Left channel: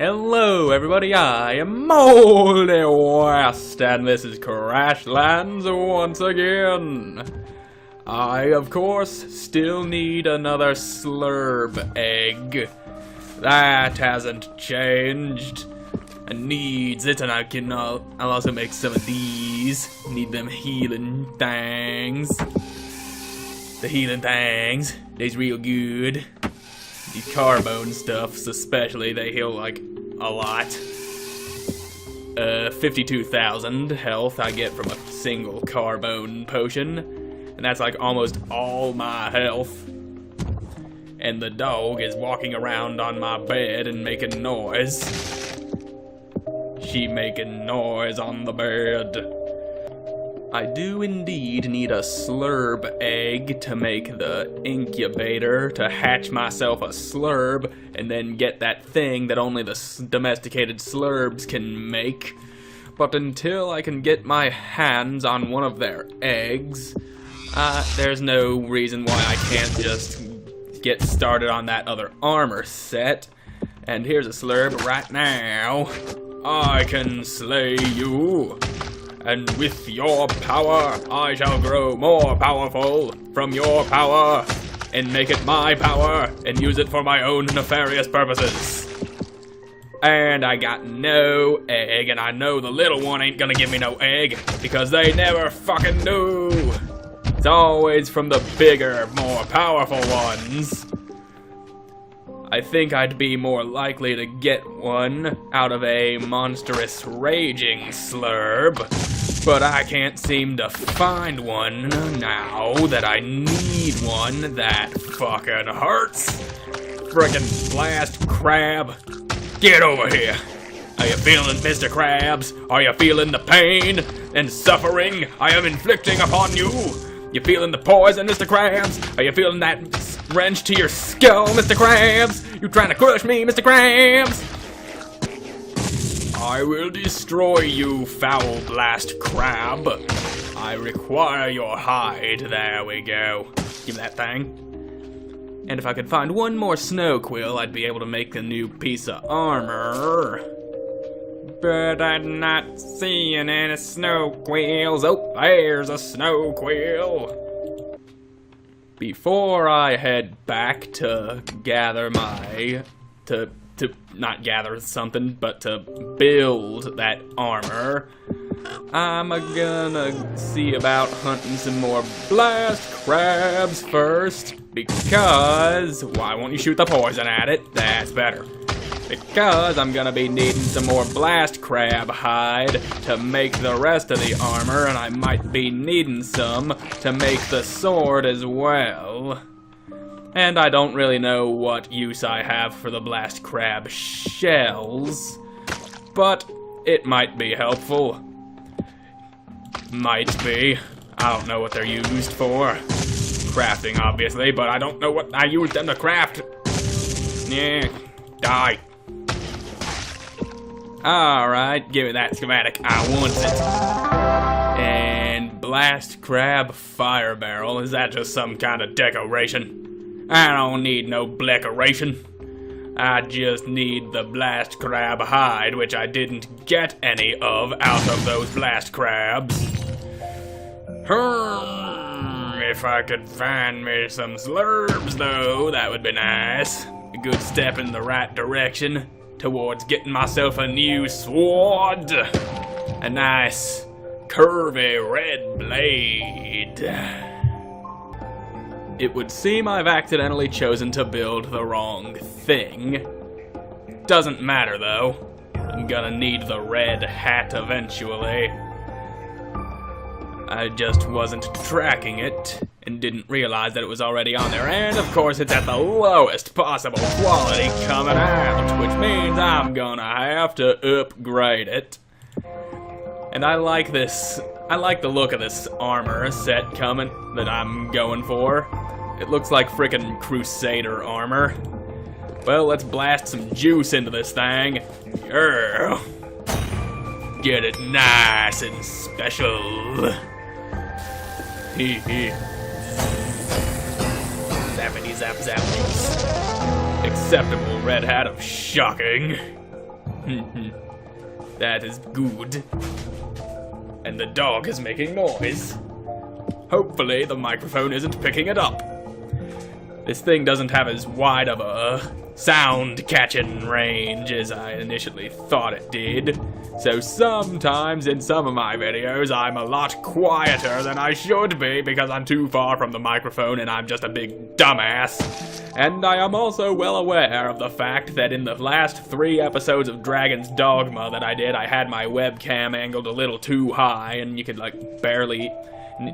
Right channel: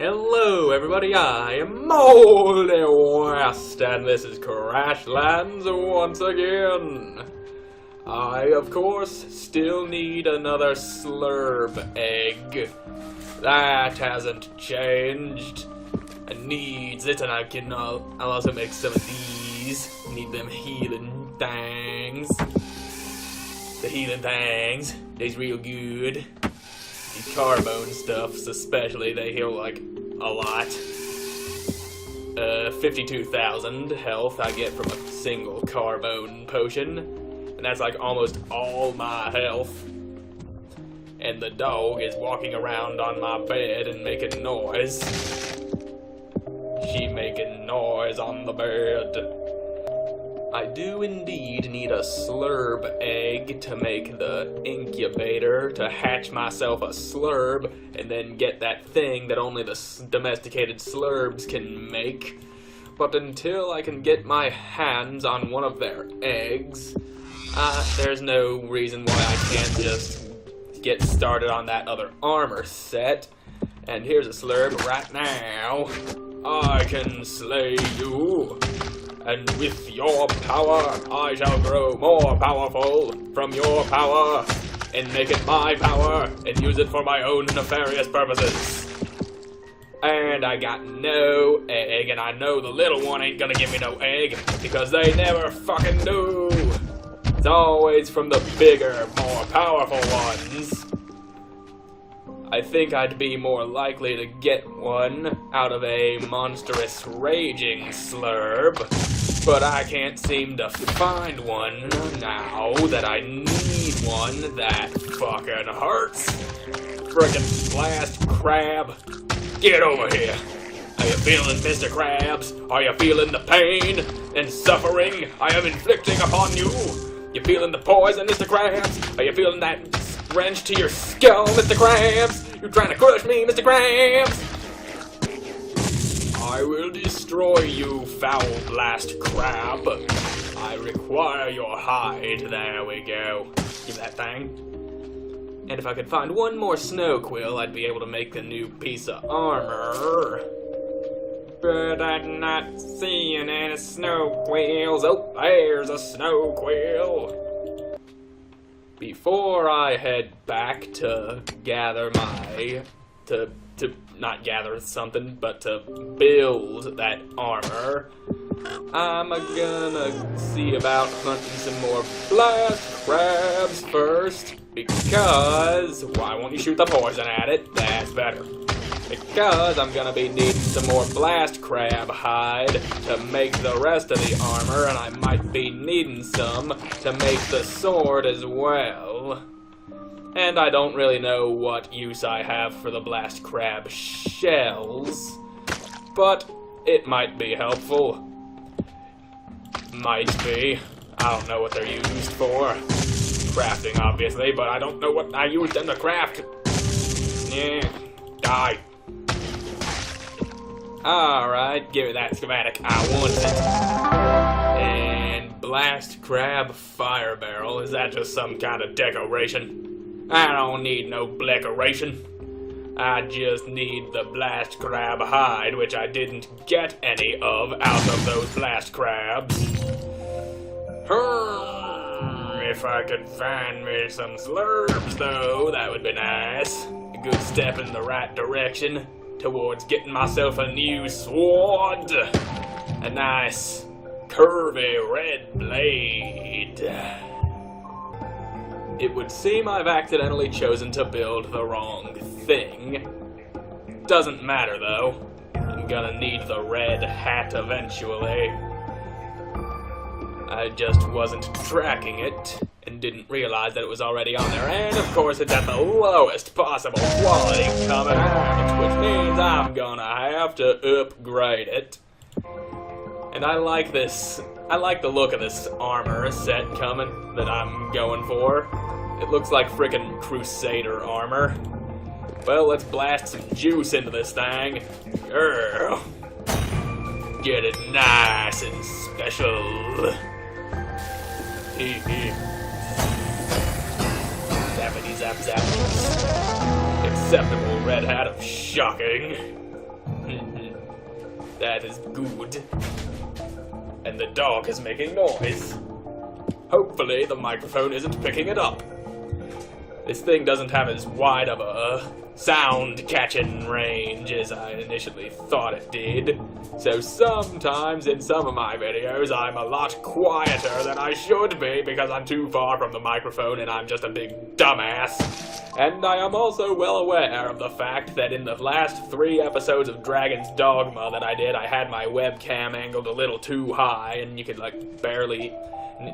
Hello everybody, I am Moldy West, and this is Crashlands once again. I, of course, still need another slurb egg. That hasn't changed. I needs it, and I'll also make some of these. Need them healing things. The healing things, they's real good. These carbone stuffs especially, they heal like a lot. 52,000 health I get from a single carbone potion. And that's like almost all my health. And the dog is walking around on my bed and making noise. She making noise on the bed. I do indeed need a slurb egg to make the incubator to hatch myself a slurb and then get that thing that only the domesticated slurbs can make. But until I can get my hands on one of their eggs, there's no reason why I can't just get started on that other armor set. And here's a slurb right now. I can slay you. And with your power, I shall grow more powerful from your power, and make it my power, and use it for my own nefarious purposes. And I got no egg, and I know the little one ain't gonna give me no egg, because they never fucking do. It's always from the bigger, more powerful ones. I think I'd be more likely to get one out of a monstrous raging slurb, but I can't seem to find one now that I need one that fucking hurts. Frickin' blast crab, get over here. Are you feeling, Mr. Krabs? Are you feeling the pain and suffering I am inflicting upon you? You feeling the poison, Mr. Krabs? Are you feeling that wrench to your skull, Mr. Krabs? You trying to crush me, Mr. Krabs? I will destroy you, foul blast crab. I require your hide. There we go. Give that thing. And if I could find one more snow quill, I'd be able to make a new piece of armor. But I'm not seeing any snow quills. Oh, there's a snow quill. Before I head back to gather my, to not gather something, but to build that armor, I'm gonna see about hunting some more blast crabs first, because, why won't you shoot the poison at it? That's better. Because I'm gonna be needing some more blast crab hide to make the rest of the armor, and I might be needing some to make the sword as well. And I don't really know what use I have for the blast crab shells, but it might be helpful. Might be. I don't know what they're used for. Crafting, obviously, but I don't know what I use them to craft. Yeah, die. Alright, give me that schematic. I want it. And blast crab fire barrel. Is that just some kind of decoration? I don't need no decoration. I just need the blast crab hide, which I didn't get any of out of those blast crabs. If I could find me some slurbs, though, that would be nice. A good step in the right direction towards getting myself a new sword. A nice, curvy red blade. It would seem I've accidentally chosen to build the wrong thing. Doesn't matter, though. I'm gonna need the red hat eventually. I just wasn't tracking it and didn't realize that it was already on there, and of course it's at the lowest possible quality coming out, which means I'm gonna have to upgrade it. And I like this. I like the look of this armor set coming that I'm going for. It looks like frickin' Crusader armor. Well, let's blast some juice into this thing. Girl. Get it nice and special. Zappity zap zap. Acceptable red hat of shocking. That is good. And the dog is making noise. Hopefully the microphone isn't picking it up. This thing doesn't have as wide of a sound catching range as I initially thought it did. So sometimes in some of my videos I'm a lot quieter than I should be because I'm too far from the microphone and I'm just a big dumbass. And I am also well aware of the fact that in the last 3 episodes of Dragon's Dogma that I did, I had my webcam angled a little too high and you could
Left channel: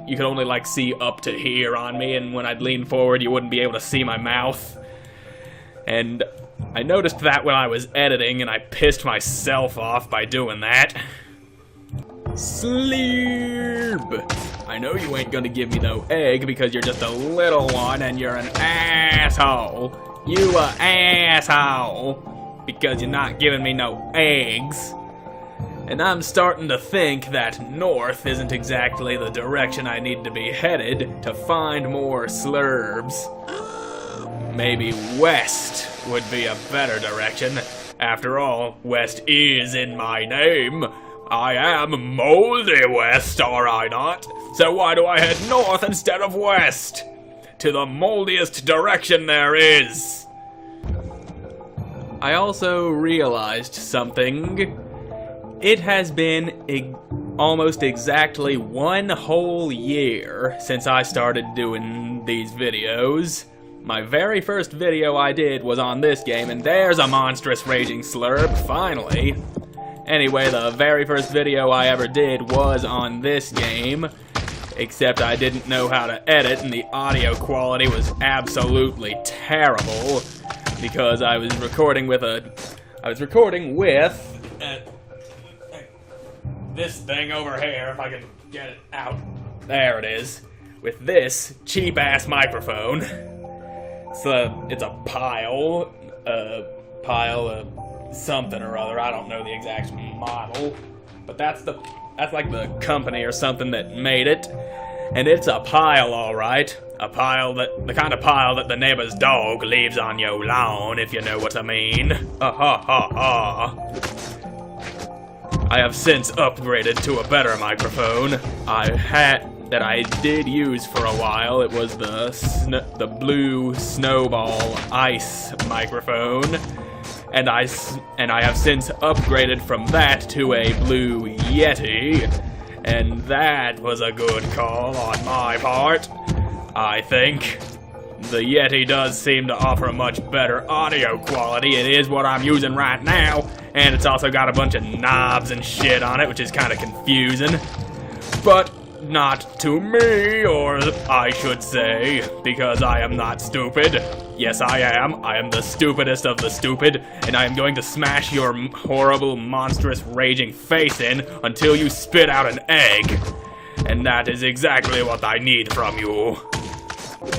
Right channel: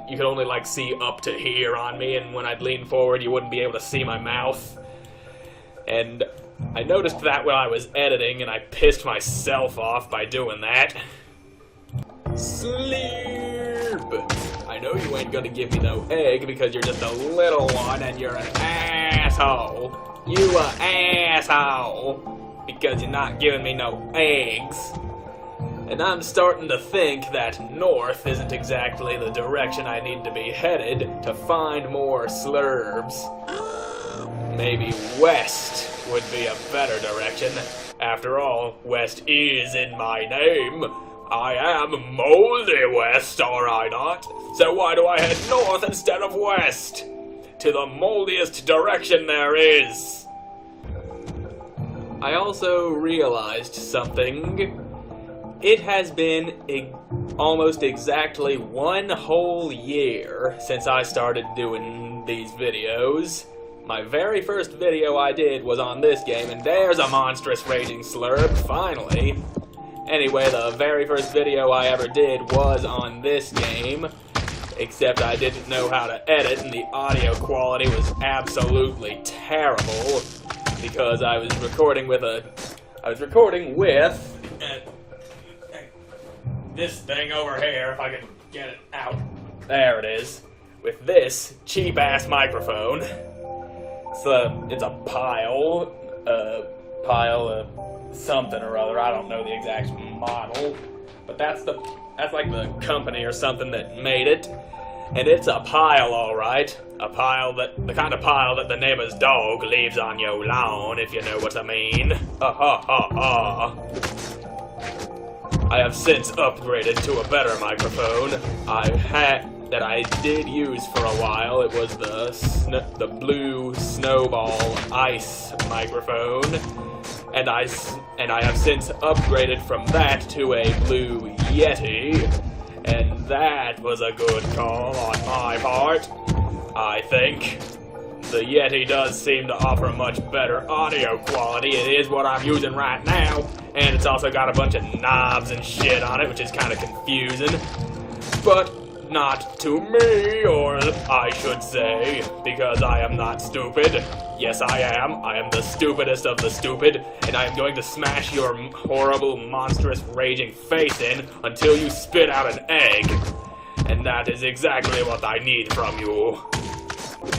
you could only like see up to here on me, and when I'd lean forward you wouldn't be able to see my mouth. And I noticed that when I was editing, and I pissed myself off by doing that. Sleep! I know you ain't gonna give me no egg because you're just a little one and you're an asshole. You a asshole because you're not giving me no eggs. And I'm starting to think that north isn't exactly the direction I need to be headed to find more slurbs. Maybe west would be a better direction. After all, west is in my name. I am Moldy West, are I not? So why do I head north instead of west? To the moldiest direction there is. I also realized something. It has been almost exactly 1 whole year since I started doing these videos. My very first video I did was on this game, and there's a monstrous raging slurp, finally. Anyway, the very first video I ever did was on this game, except I didn't know how to edit, and the audio quality was absolutely terrible, because I was recording with this thing over here, if I can get it out. There it is. With this cheap-ass microphone. It's a pile of something or other. I don't know the exact model, but that's like the company or something that made it, and it's a pile, all right. The kind of pile that the neighbor's dog leaves on your lawn, if you know what I mean. I have since upgraded to a better microphone. That I did use for a while. It was the blue snowball ice microphone, and I have since upgraded from that to a blue Yeti, and that was a good call on my part. I think the Yeti does seem to offer a much better audio quality. It is what I'm using right now, and it's also got a bunch of knobs and shit on it, which is kind of confusing, but not to me, or I should say, because I am not stupid. Yes, I am. I am the stupidest of the stupid, and I am going to smash your horrible, monstrous, raging face in until you spit out an egg. And that is exactly what I need from you.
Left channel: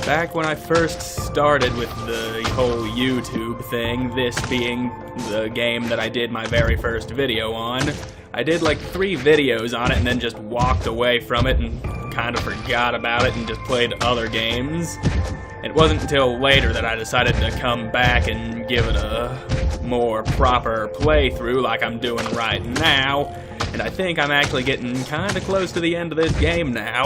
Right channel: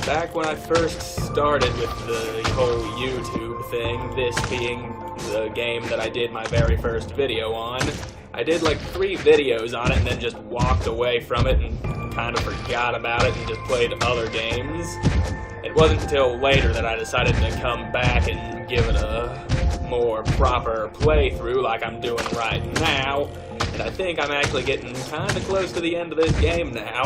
Back when I first started with the whole YouTube thing, this being the game that I did my very first video on, I did like 3 videos on it and then just walked away from it and kind of forgot about it and just played other games. It wasn't until later that I decided to come back and give it a more proper playthrough like I'm doing right now, and I think I'm actually getting kind of close to the end of this game now.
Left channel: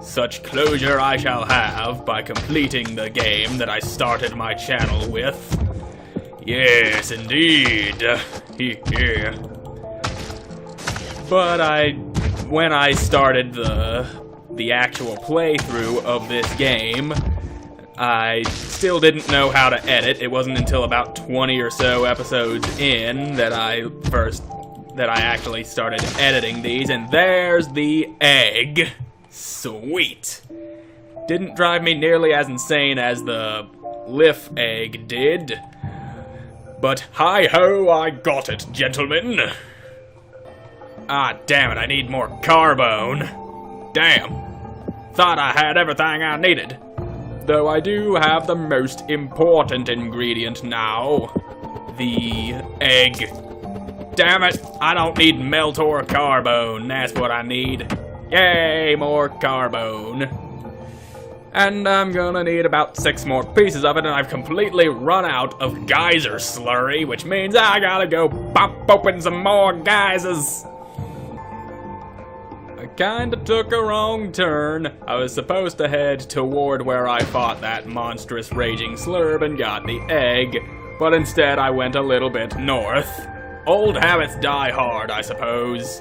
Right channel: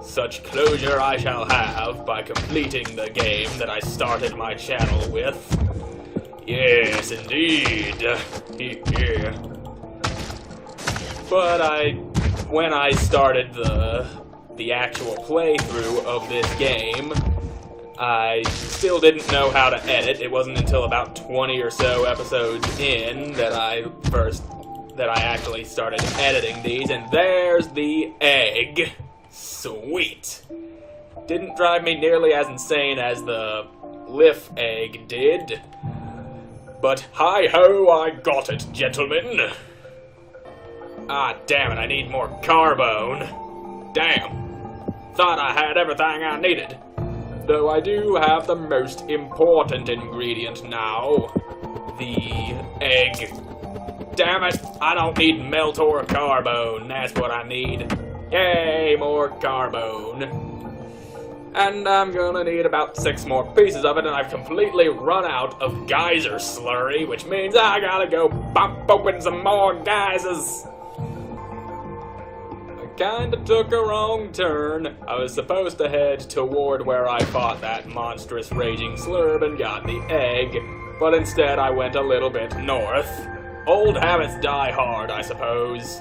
Such closure I shall have by completing the game that I started my channel with. Yes, indeed. But when I started the actual playthrough of this game, I still didn't know how to edit. It wasn't until about 20 or so episodes in that I actually started editing these, and there's the egg. Sweet. Didn't drive me nearly as insane as the Liff egg did. But hi-ho, I got it, gentlemen. Ah, damn it, I need more carbone. Damn. Thought I had everything I needed. Though I do have the most important ingredient now. The egg. Damn it, I don't need melt or carbone, that's what I need. Yay, more carbone. And I'm gonna need about 6 more pieces of it, and I've completely run out of geyser slurry, which means I gotta go pop open some more geysers. I kinda took a wrong turn. I was supposed to head toward where I fought that monstrous raging slurb and got the egg, but instead I went a little bit north. Old habits die hard, I suppose.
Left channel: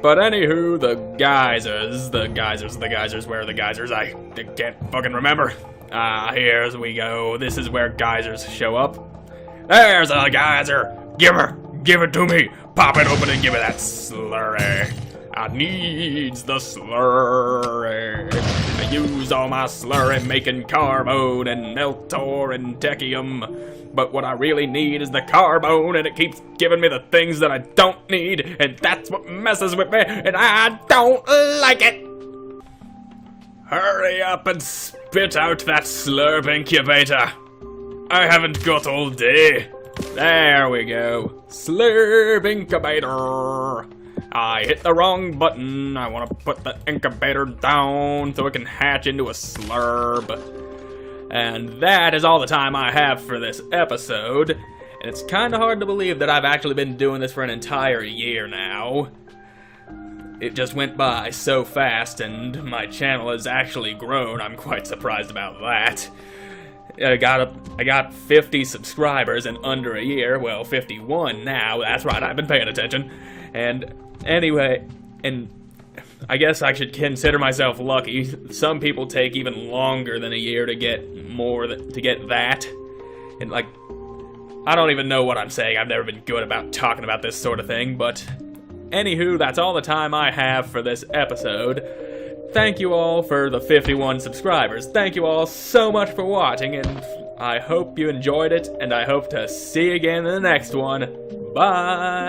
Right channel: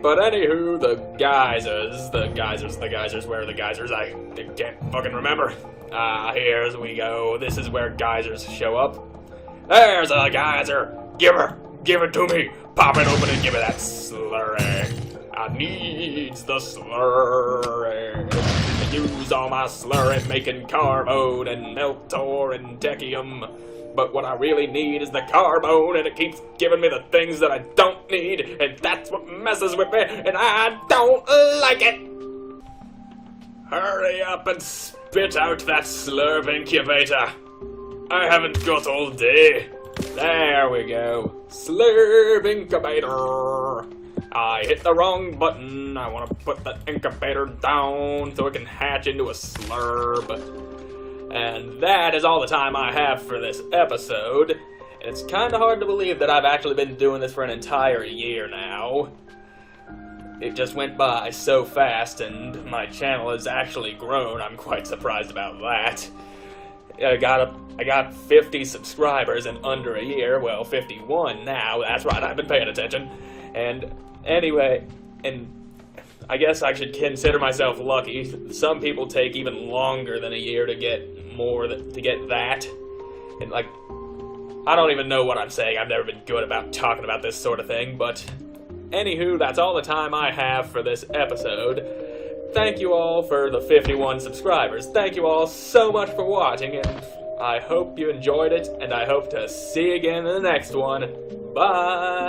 But anywho, the geysers, where are the geysers? I can't fucking remember. Here we go. This is where geysers show up. There's a geyser. Give it to me. Pop it open and give me that slurry. I needs the slurry. I use all my slurry making carbone and meltor and techium. But what I really need is the carbone, and it keeps giving me the things that I don't need, and that's what messes with me, and I don't like it! Hurry up and spit out that slurp incubator. I haven't got all day. There we go. Slurp incubator. I hit the wrong button. I want to put the incubator down so it can hatch into a slurp. And that is all the time I have for this episode. And it's kind of hard to believe that I've actually been doing this for an entire year now. It just went by so fast, and my channel has actually grown. I'm quite surprised about that. I got 50 subscribers in under a year. Well, 51 now. That's right, I've been paying attention. And anyway, I guess I should consider myself lucky. Some people take even longer than a year to get that. And like, I don't even know what I'm saying. I've never been good about talking about this sort of thing, but anywho, that's all the time I have for this episode. Thank you all for the 51 subscribers. Thank you all so much for watching, and I hope you enjoyed it, and I hope to see you again in the next one. Bye!